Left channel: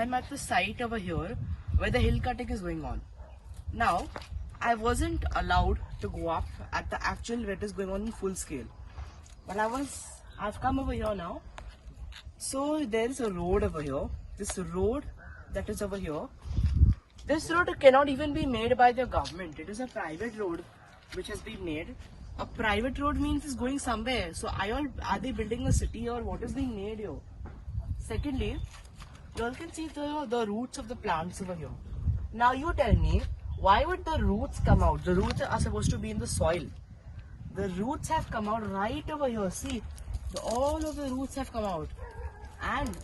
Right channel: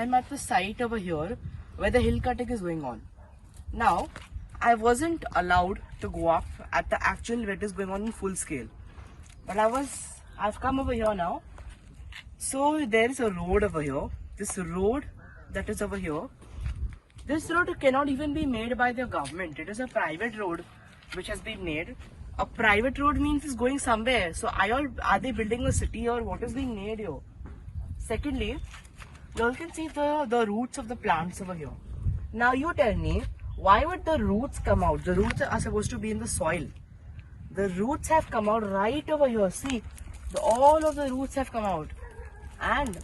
I'm at the site over here where the hill cutting is going on. Now, I wasn't allowed to go up at the actual where it is going on in full scale. But I've come over here now. So there is a road over here. This road that is over here. This road cannot even be made by the government. It is a private road which has been made. A private road means it's going somewhere. So are they building a city or what is being made here? Secondly, you all can see the roots of the plants over here. Now you tell me, why would the roots come out? The roots are supposed to be in the soil. The roots have come out right over here. See, all of the roots have come out. And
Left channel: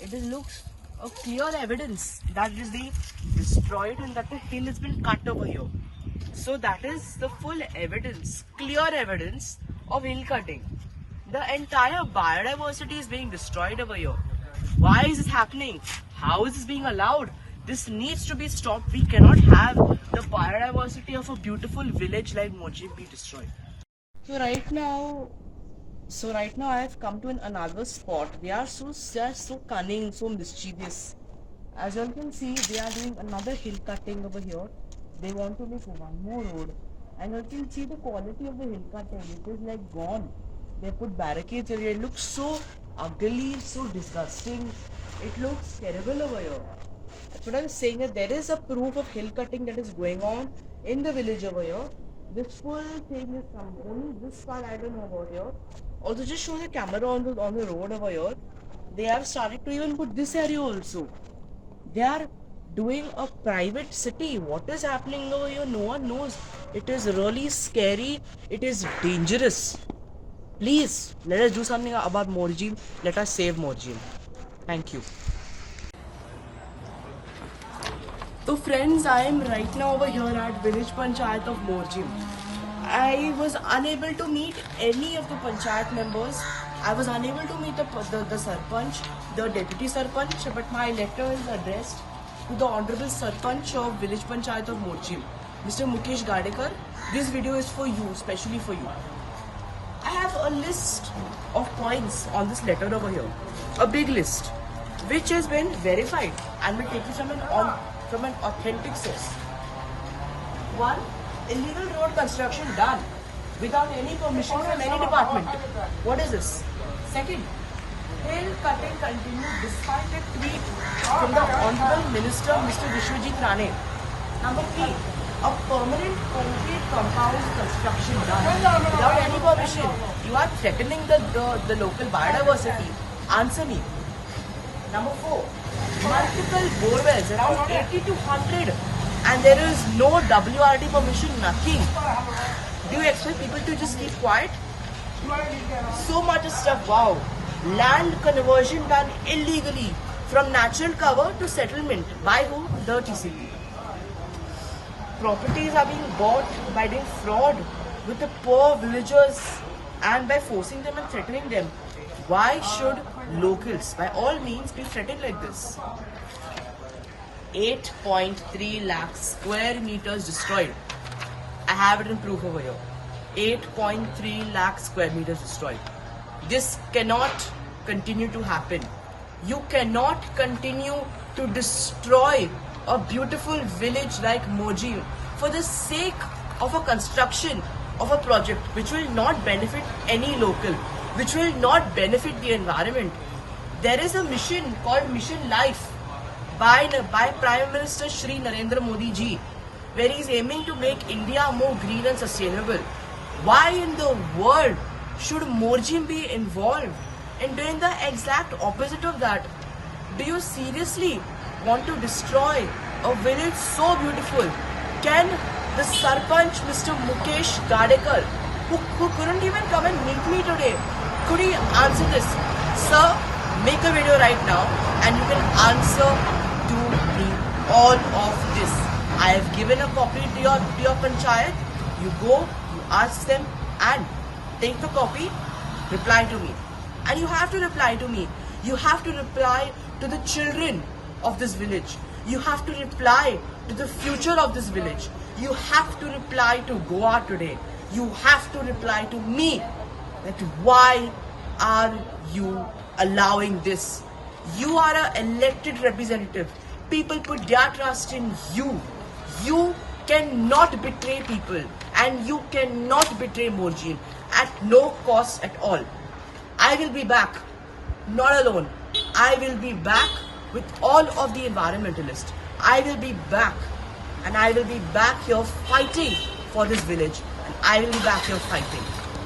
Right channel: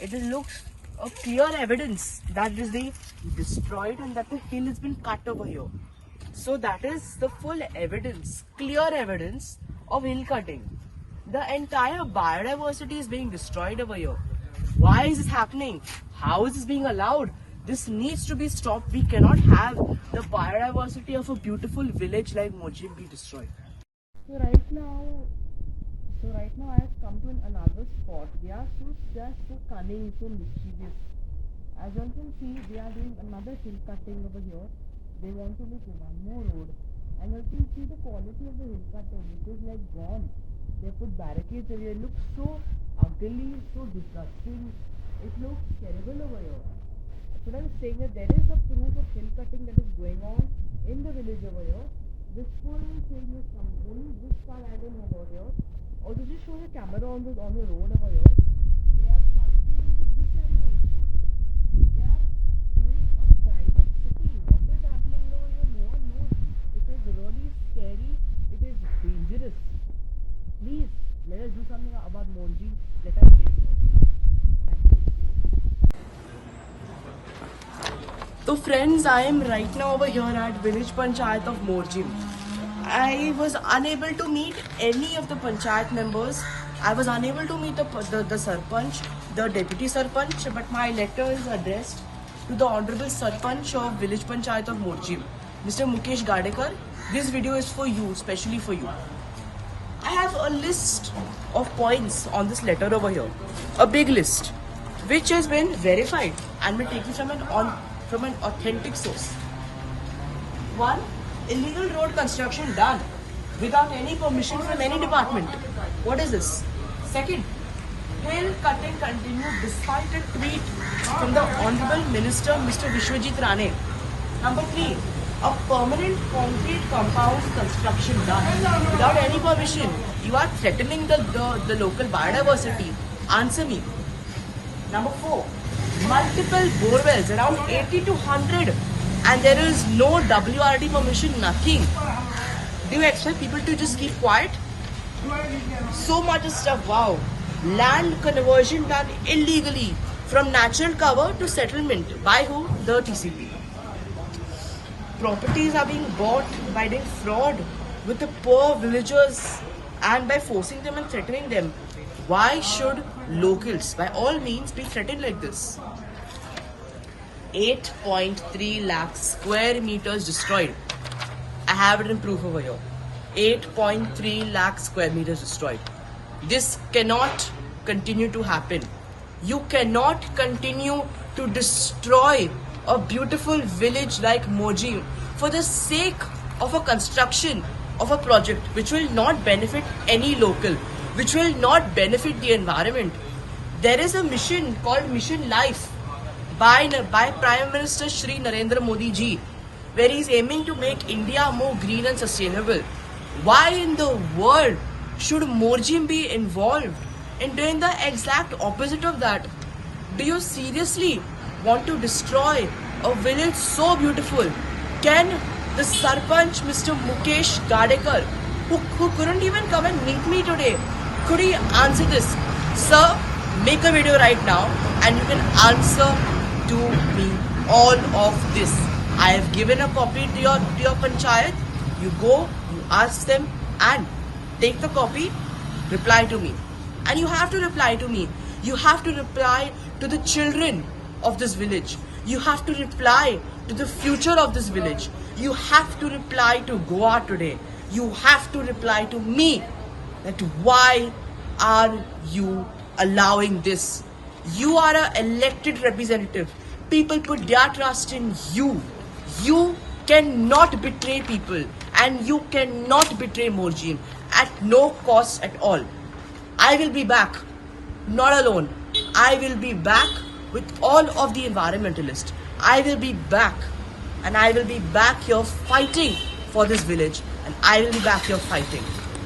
it looks a clear evidence that it is being destroyed and that the hill has been cut over here. So that is the full evidence, clear evidence of hill cutting. The entire biodiversity is being destroyed over here. Why is this happening? How is this being allowed? This needs to be stopped. We cannot have the biodiversity of a beautiful village like Morjim be destroyed. So right now I have come to another spot. They are so cunning, so mischievous. As you all can see, they are doing another hill cutting over here. They want to make one more road. And you can see the quality of the hill cutting. It is like gone. They put barricades over here. It looks so ugly, so disgusting. It looks terrible over here. That's what I was saying, that there is a proof of hill cutting that is going on in the village over here. This full thing is only this part I don't know about here. Also, just show the camera on the road over here. They have started to even put this area also. They are doing a private city. What is happening over here? No one knows. It is really scary. It is dangerous. Please, let us do something about Morjim. Let us save Morjim. Thank you. So friends, I am right now over here at village panchayat of Morjim. I was unable to meet any of the panchayat members. I was unable to meet the sarpanch, the deputy sarpanch, but my letter is addressed to the honorable sarpanch of village panchayat of Morjim, Mr. Mukesh Gadekar. This video is for you, especially for you. I have a list of points on this letter over here, a big list, which has been verified and been taken from an authentic source. 1. Illegal road construction done without any permission from any department. What is this? 2nd, hill cutting continued despite a tweet from the Honorable Minister Mr. Vishwajit Rane. Number 3, a permanent concrete compound construction done without any permission. You are threatening the local biodiversity. Answer me. Number 4, multiple borewells, around 80 to 100, and there is no WRD permission, nothing. Do you expect people to just keep quiet? So much stuff, wow. Land conversion done illegally from natural cover to settlement. By who? The TCP. Properties are being bought by doing fraud with the poor villagers and by forcing them and threatening them. Why should locals, by all means, be threatened like this? 8.3 lakh square meters destroyed. I have it in proof over here. 8.3 lakh square meters destroyed. This cannot continue to happen. You cannot continue to destroy a beautiful village like Morjim for the sake of a construction of a project which will not benefit any local, which will not benefit the environment. There is a mission called Mission Life by Prime Minister Shri Narendra Modi ji, where he is aiming to make India more green and sustainable. Why in the world should Morjim be involved in doing the exact opposite of that? Do you seriously want to destroy a village so beautiful? Can the Sarpanch, Mr. Mukesh Gadekar, who couldn't even come and meet me today, could he answer this? Sir, make a video right now and you can answer to me all of this. I have given a copy to your panchayat. You go, you ask them and take the copy, reply to me. And you have to reply to me. You have to reply to the children of this village. You have to reply to the future of this village. You have to reply to Goa today. You have to reply to me that why are you allowing this? You are an elected representative. People put their trust in you. You cannot betray people, and you cannot betray Morjim at no cost at all. I will be back, not alone. I will be back with all of the environmentalists. I will be back, and I will be back here fighting for this village, and I will be back here fighting.